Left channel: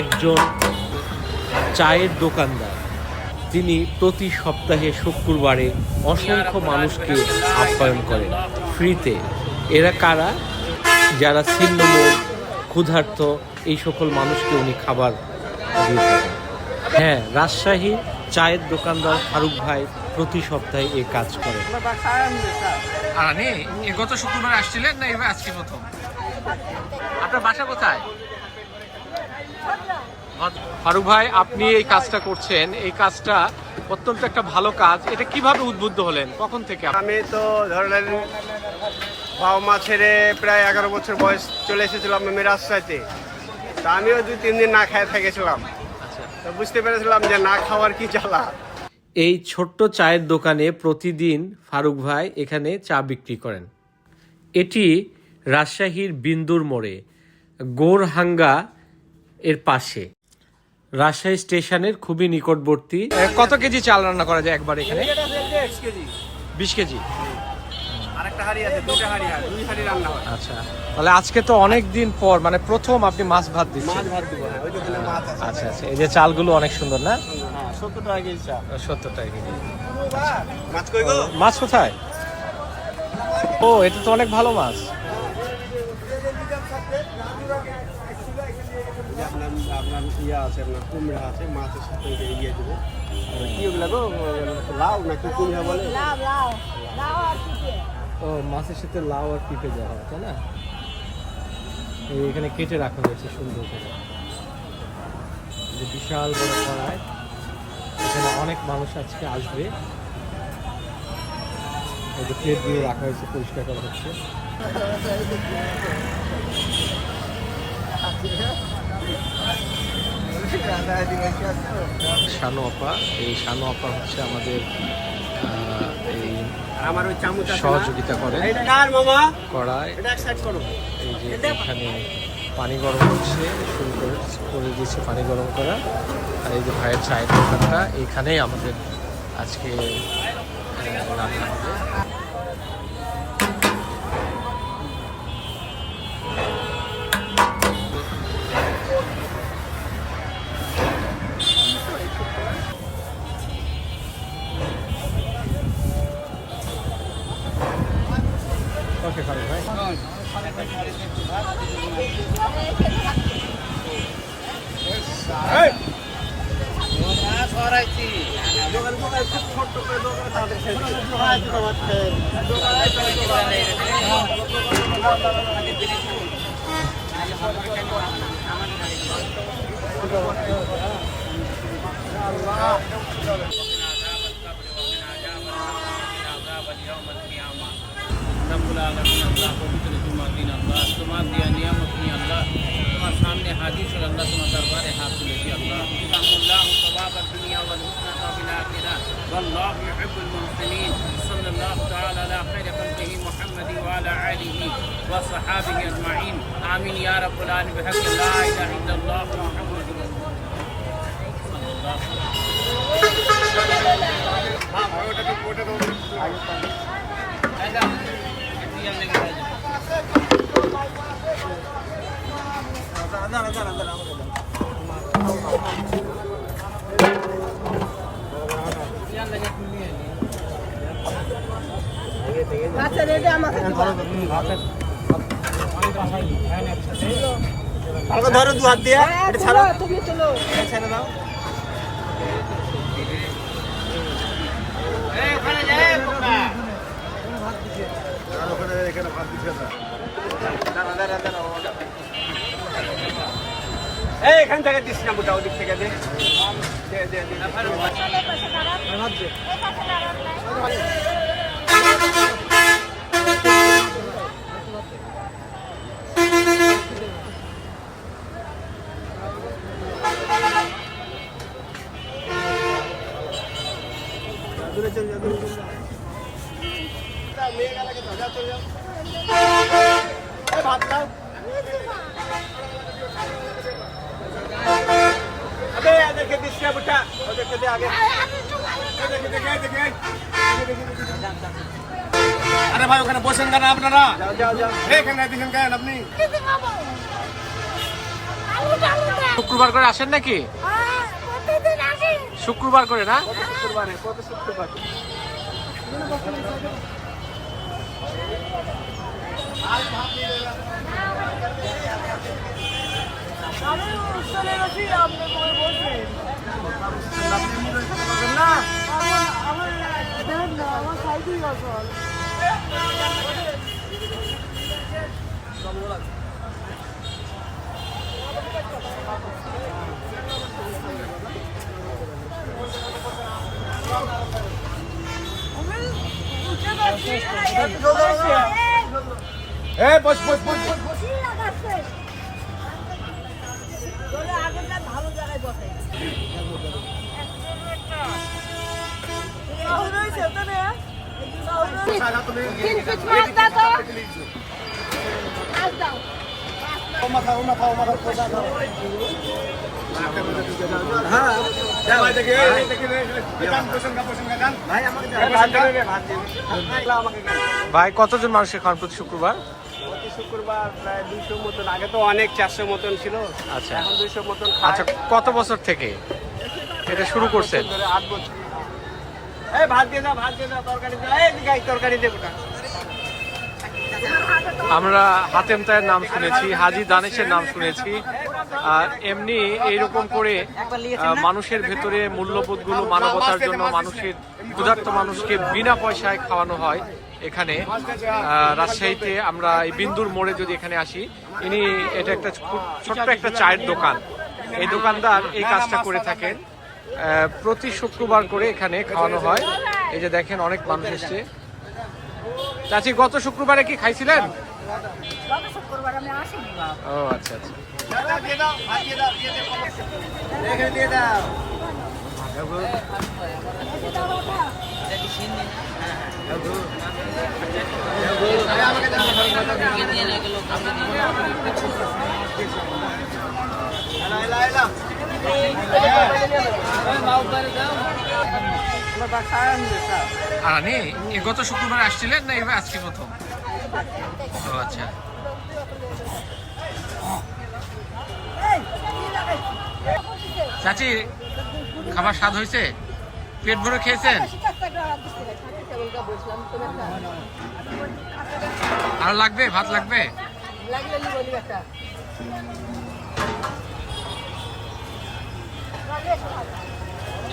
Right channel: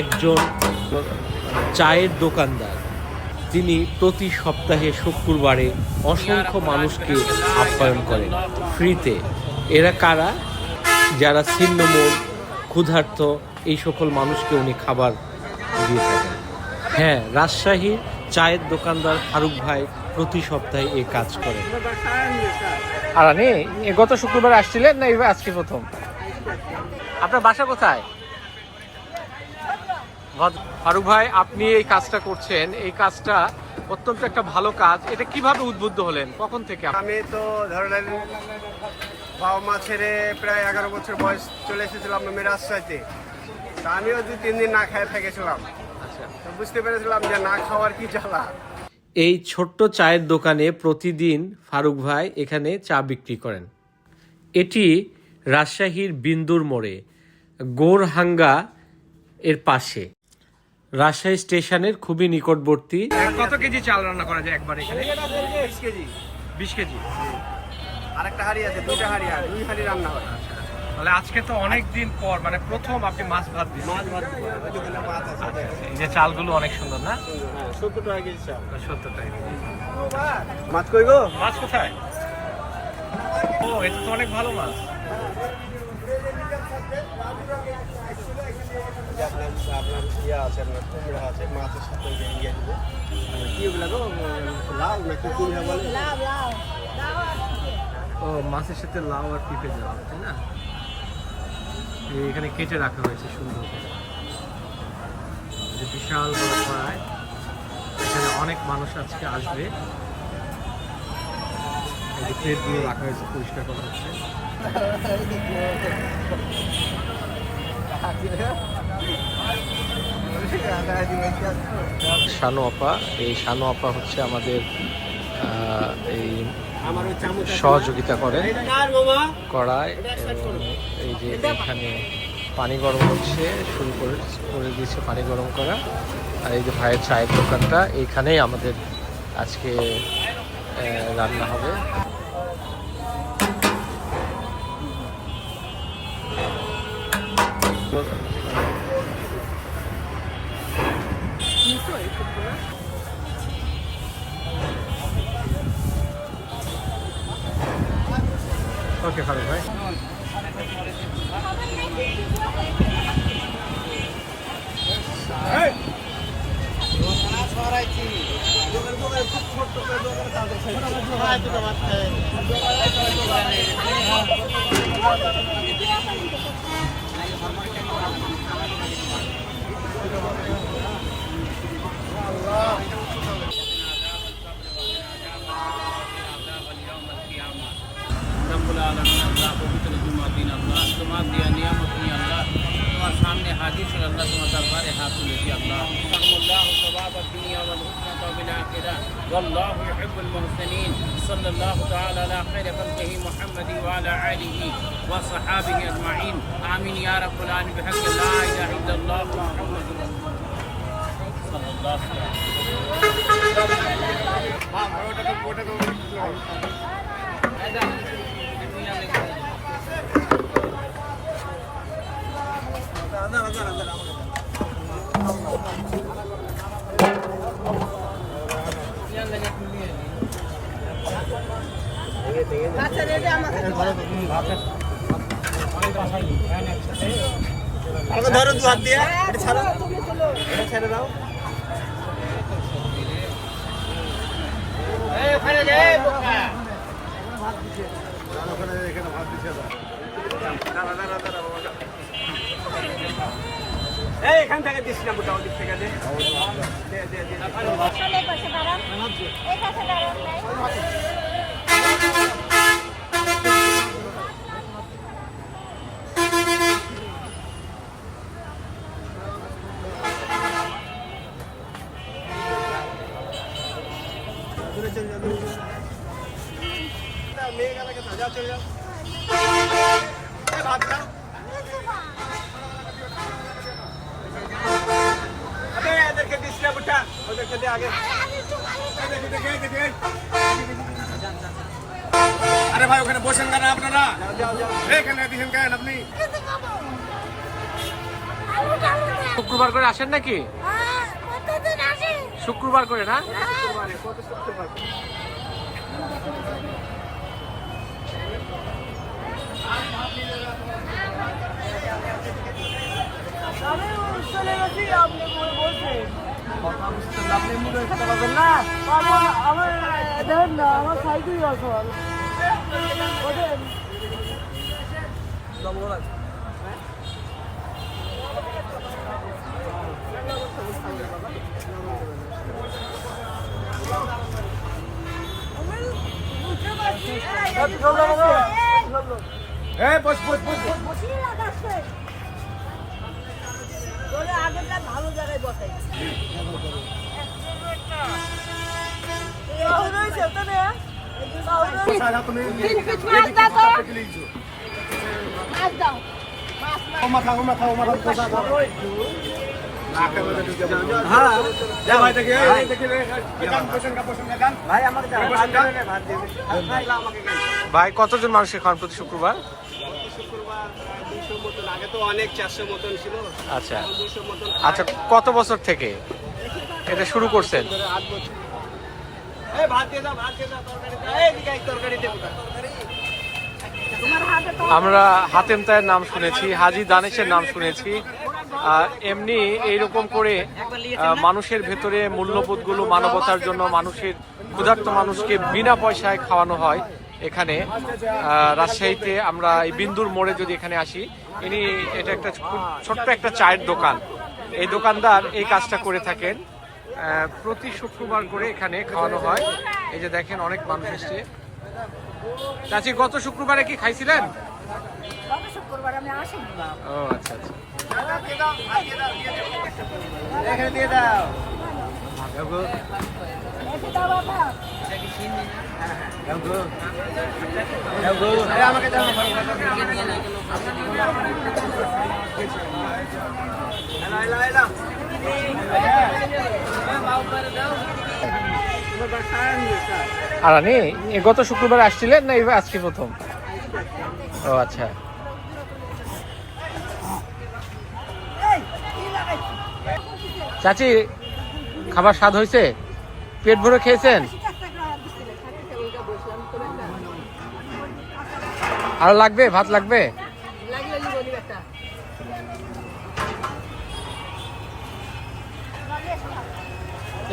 একজন চায়ের দোকানদার, তিনি প্রতি সপ্তাহে শুক্রবারে অসংখ্য মানুষকে আপ্যায়ন করেন ফ্রিতে। এরা কারা? যারা ছিন্নমূল, ক্ষুধার্ত, এই সকল মানুষকে উনি খাবার দিয়ে থাকেন। হ্যাঁ, রাজশাহীর চায়ের দোকানদার ফারুক ভাই প্রতি সপ্তাহে এই কাজ করেন। আর গত শুক্রবার আসছিলেন না আজকে প্রথম? আপনার বাসা কোথায়? ফারুক ভাই, আপনি এই কাজটা করছেন, এই কাজটা অত্যন্ত একটা ভালো কাজ। এটা কিভাবে উদ্বুদ্ধ হলেন, কখন থেকে? আমি তো ধরেন বাবা মা ছেড়ে প্রায় 11 বছর বয়স চলে এসেছিলাম আমি রাজশাহীতে। তা আমিও 2-3 দিন না খেয়ে থেকেছিলাম। আচ্ছা, বুঝতে পেরেছিলাম যে না খাওয়ার কি জ্বালা। এই ছোট্ট চায়ের দোকানে প্রতিদিন ফারুক ভাই এখানে চা বিক্রি করেন। এটি রাজশাহীর বিন্দুর মোড়ে গোরহাঙ্গা এর পাশে, রাজশাহী স্টেশনের খুবই নিকটবর্তী। কত কেজি চাল রান্না করা যায় একবার এখানে? 20 কেজি। 20 কেজি। আর একটা হাঁড়ি আছে, 2টা হাঁড়ি, 2 হাঁড়ি রান্না হয়। আচ্ছা, তাহলে আজকে তো অনেক দিন পর, মানে প্রথম আপনি মাছ ভাত দিচ্ছেন। মাছ ভাত দিব। ওই যে মাছ আছে। আচ্ছা আচ্ছা, এই যে চালগুলো অনেক সুন্দর না? 70 টাকা কেজি চা। 70 টাকা। মাছ কই গো? মাছ কোথায়? ও, এটা তো অনেক ভালো মাছ। আছে না, কুমড়া আছে, মাছের সাথে ইয়ে দেবো। কি ওগুলা গো? লাউ নাকি কুমড়া বলে? লাউ লাউ লাউ আর পিঠে। ও, মাছের সাথে লাউ আর পিঁপে দেওয়া হবে, তাই না? এখানে কেটে রাখা হয়েছে সুন্দর করে। এই যে বিশাল বড় কড়াই, এখানে অনেক মানুষ আজকে আসবে। এই যে প্লেটগুলো রাখা হয়েছে, পরিষ্কার করা হচ্ছে। শানু আপা, এই শানু আপা হচ্ছে আমাদের এই আমার ওই চামচ সহযোগিতা করে কার মামা? কড়াই। এটা এক সাইড করো। এই যে এখানে পানি গরম হচ্ছে, শুরু করে দিয়েছে পানি গরম করা। আর এই যে ভাইয়ের চায়ের দোকানটা, এইখানেই আমাদের আজকে রান্না হবে। ওকে ফারুক ভাই। रब्बुल आलमीन अल्लाह पवित्र जुमा दिन अल्लाह तुम्हार दिया नियामत नहीं अल्लाह तुम्हारे सामने हाजिर कर अल्लाह तुम्हारे दरबार हासिल है अल्लाह अल्लाह सवाब दुनिया वल हुस्ना बिल आखिरह वल्लाहु युहिब्बुल मुहसिनीन सल्लल्लाहु तआला अला खैर खल्क़िही मुहम्मद व अला आलिहि व सहाबिहि अजमाइन आमीन या रब्बुल आलमीन बिहक़्क़ि ला इलाहा इल्लल्लाह मुहम्मदुर सल्लल्लाहु আচ্ছা রেডি আমাকে ধরো 2 হাত দিয়ে এটা ছাড়ো, এটা ছেড়ে দাও। এই ওখানে যাই বোকা এখানে ভাত দিছে না। এই এখান থেকে দিস না, গোটা ওদিক থেকে দে। দে দে দে। চলে পাশে দাঁড়ান এই পাশে দাঁড়ান দূরে চলে যা, দূরে চলে যা। মেয়ে গেলে ধাগা চলে যাও। এই ভাত দাও। अबे देखिए दिसके बेटा, देखिए दे आगे। देखिए। अरे भाई ওখানে বসেন কেন আপনারা? যাও। এখানে দিছেন কেন আপনি? আলু শুক্রবার করে আসেন নাকি? প্রতিদিন আসি। শুক্রবার করে না? আমি চলে গেছি, আপনি বলছেন না আমার সাইকেল আছে। ভালো জায়গায় বসাই ভাই কতজন মানুষের খান প্রতি শুক্রবার? শুক্রবার প্রায় 200 মতন, আগে তো অনেক 400 মতন ছিল, আচ্ছা 200 মতন। আচ্ছা, কত বছর থেকে এটা শুরু করছেন? 8 বছর। এই ভাত দিয়ে দাও, ভাত দিয়ে দাও, তরকারি দাও, এই দিকে তরকারি দেবো। আমরা হাতেম তায়ের নাম শুনেছি, হাজী দানেশের নাম শুনেছি, আর এমনি এইরকম করে মানুষের ভেতরে মূল্যবোধগুলো, মানবতার জন্য মানুষের ক্ষুধার্ত মানুষকে বিনা পয়সায় খাওয়ানো হয়। এখানে রাজশাহীতে আমরা এই বিন্দুর মোড়ে যদি এখানে আসি, এটা একটা ছোট্ট একটা চায়ের দোকান। এই দোকানদার এই কাজটা করে থাকেন, প্রতি শুক্রবার করে এখানে খাওয়ানো হয়। এই যে দেখেন অনেক মানুষ এসছে। চাচি, গত শুক্রবারে কি খাইছিলেন? গত শুক্রবার আমি আসিনি বাবা। ও আচ্ছা আচ্ছা। এখানে দিয়ে দাও। এসে দাও বাবা। আমাকে দাও। আর আনি গত শুক্রবার আসছিলেন না এবার আজকে প্রথম? ও আচ্ছা। চাচি, খাবার স্বাদ হয়েছে? পেট ভরে খেয়েছেন? আরো লাগবে? ভাত লাগবে?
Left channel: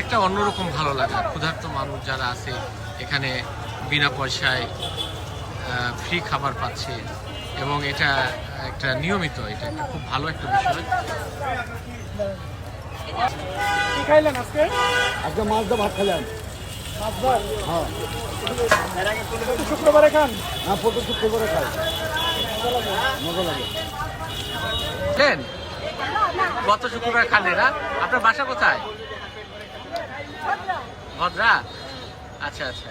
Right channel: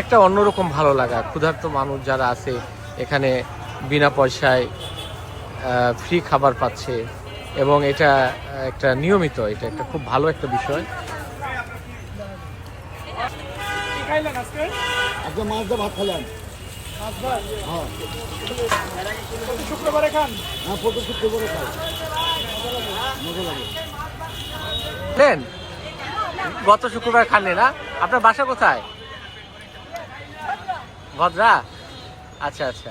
একটা অন্যরকম ভালো লাগা, ক্ষুধার্ত মানুষ যারা আছে এখানে বিনা পয়সায় ফ্রি খাবার পাচ্ছে, এবং এটা একটা নিয়মিত, এটা একটা খুব ভালো একটা বিষয়। আজকে মাছ দিয়ে ভাত খেলাম। হ্যাঁ, শুক্রবারে খান? হ্যাঁ, প্রতি শুক্রবারে খাই, মজা লাগে। গত শুক্রবার খাননি না? আপনার বাসা কোথায়? ভদ্রা? আচ্ছা আচ্ছা।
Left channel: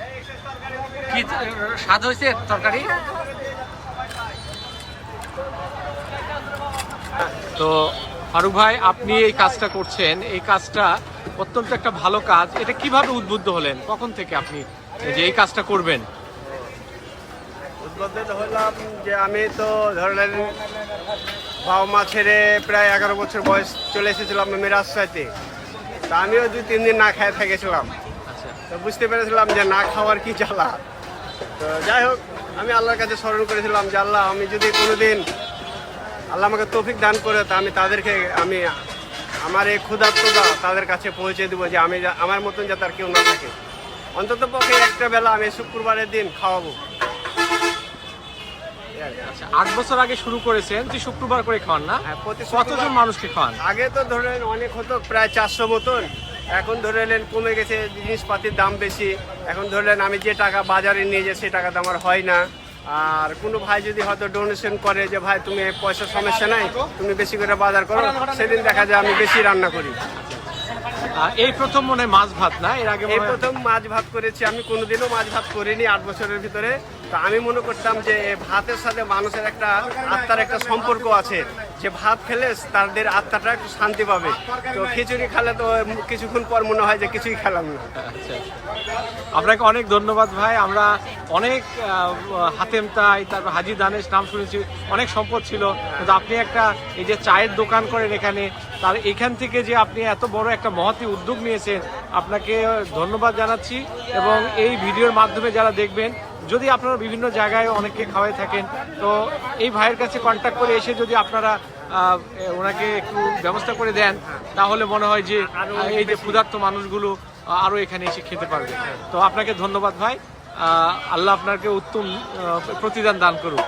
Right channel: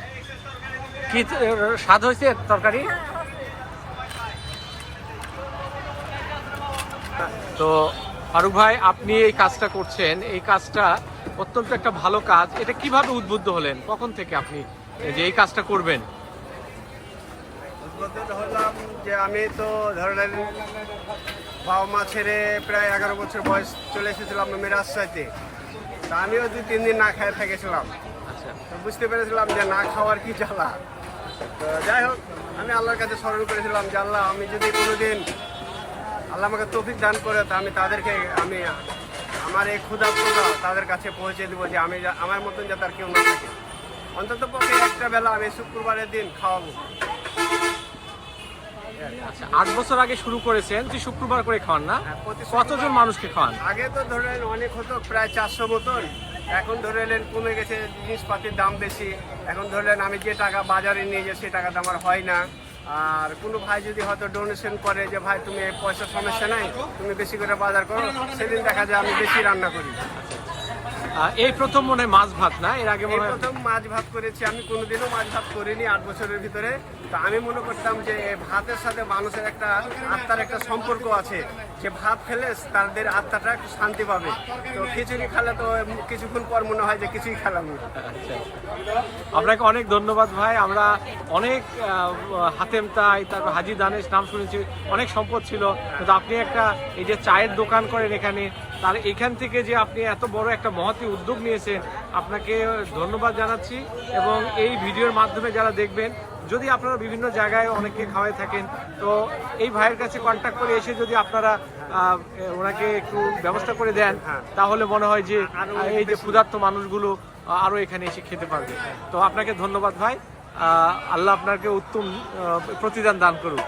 কি স্বাদ হয়েছে তরকারি? তো ফারুক ভাই, আপনি এই কাজটা করছেন, এই কাজটা অত্যন্ত একটা ভালো কাজ। এটা কিভাবে উদ্বুদ্ধ হলেন? কখন থেকে আপনি যে এই কাজটা করবেন? উদ্বোধন হলাম যে আমি তো ধরলেন বাবা মা ছেড়ে প্রায় 11 বছর বয়স চলে এসেছিলাম আমি রাজশাহীতে। তা আমিও 2-3 দিন না খেয়ে থেকেছিলাম। আচ্ছা, তো বুঝতে পেরেছিলাম যে না খাওয়ার কি জ্বালা। তো যাই হোক, আমি আল্লাহর কাছে স্মরণ করেছিলাম যে আল্লাহ, আমি যদি কোনোদিন আল্লাহ আমাকে তৌফিক দান করে, তা আমি তাদেরকে আমার এই ক্ষুধার্ততা তাদের কাছে পৌঁছে দেবো, যে আমার মতন যাতে আর কেউ না থাকে। অন্তত পক্ষে একটা বেলা আমি শুক্রবারের দিন খাওয়াবো। আচ্ছা, 8 বছর আগে শুরু করেছেন, তুই শুক্রবার করে খাওয়ান না? প্রতি কতজন মানুষকে খাওয়ান? আগে তো ধরেন অনেক হতো, প্রায় 400 মতন। এখন ধরলেন কমে গেছে, জিনিসপাতির দাম বেশি। এখন ধরলেন আমি যে টাকা বাজারে নিয়ে যাই সে টাকা তো আমার হয় না। আর কোনো ভাই যদি হয়তো ডোনেশন করে যে ভাই তুমি পয়সার সমস্যা নাই, তুমি বেশি করে বাজার করো, সেদিন দেখা যায় আমি বেশি রান্না করি। এই প্রথম মনে হয় মাছ ভাত না? এর আগে এই মনে হয় প্রথম মাছ ভাত করেছি আমি, কোনোদিনও মাছ ভাত করিনি 8 বছরের ভিতরে। তো আমি মনে করতাম যে ভাতের সাথে মানুষের একটা আত্মার একটা সম্পর্ক আছে, যে ভাত খেলে তাদের আত্মাটা একটু শান্তি পাবে। তো খিচুড়ি খেলে তো কিছুক্ষণ পর মনে হয় যে কিছুই খেলাম না। আচ্ছা, আপনাকে অনেক ধন্যবাদ ভাই। আমরা অনেক হাতেম তাই, তারপর হাজি দানেশ নাম শুনেছি, অনেক সম্পদ ছিল, কিন্তু আপনি একটা এই যে চায়ের দোকান করেন এখানে, তার এখান থেকে যে আপনি এত বড় একটা মহতী উদ্যোগ নিয়েছেন, আপনাকে ধন্যবাদ জানাচ্ছি। এবং এই ভিডিওর মাধ্যমে যারা দেখবেন, যদি আপনারা বিভিন্ন জায়গায় অনেককে খাওয়াই থাকেন, তো এই ভাইয়ের কাছে কন্ট্যাক্ট করে এসে যদি আপনারা ওনাকে একটু ব্যবস্থা করে দেন, তাহলে মনে হয় যে এই যে ক্ষুধার্ত মানুষগুলো আরও এখানে এসে খেতে পারবে। তো আপনাকে ধন্যবাদ ভাই, আল্লাহ আপনাকে উত্তম প্রতিদান দান করুক।